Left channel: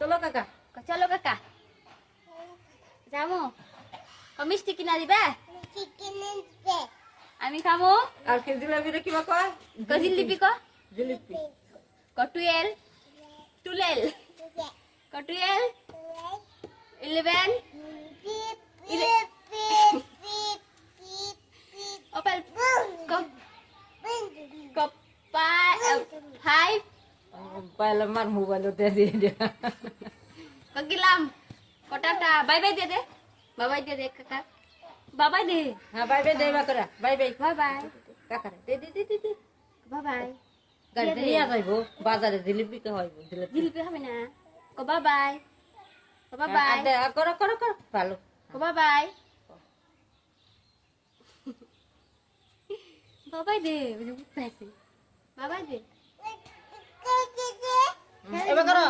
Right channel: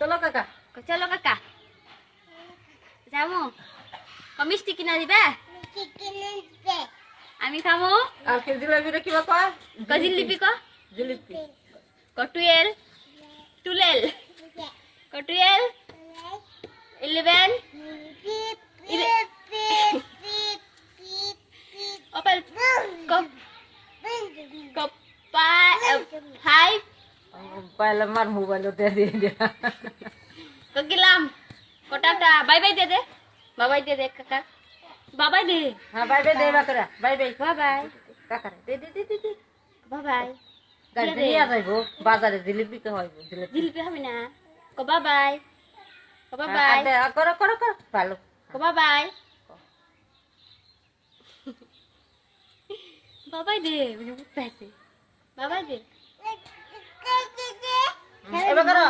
চলো কাকা। চলো কাকা যাবো। মিষ্টি কিনা দিবে? আমি খামো। আর কি জিলাপিটা কিবা কয়? জিলিপি ক জিলিপি। কটুয়েল টুলেল কটুয়েল 11 ওপেল কপা 5 পাইলে মার মোবাইলও দিয়ে গেলাম কোটাটা বাই বাই দে বাবাই দে কাকা বাবাই দে। হ্যাঁ বাই বাই দে বাকরা বাই বাই বাবাই কাকারে দে বাবাই গাড়িতে নিয়ে যাইবো বাজারে জিলিপি তো হইব জিলিপি হবে না কো বাবাই করো করো করো ভালো কো বাবাই বাবাই দে বুঝতে আছে বাবাই দে এবার করো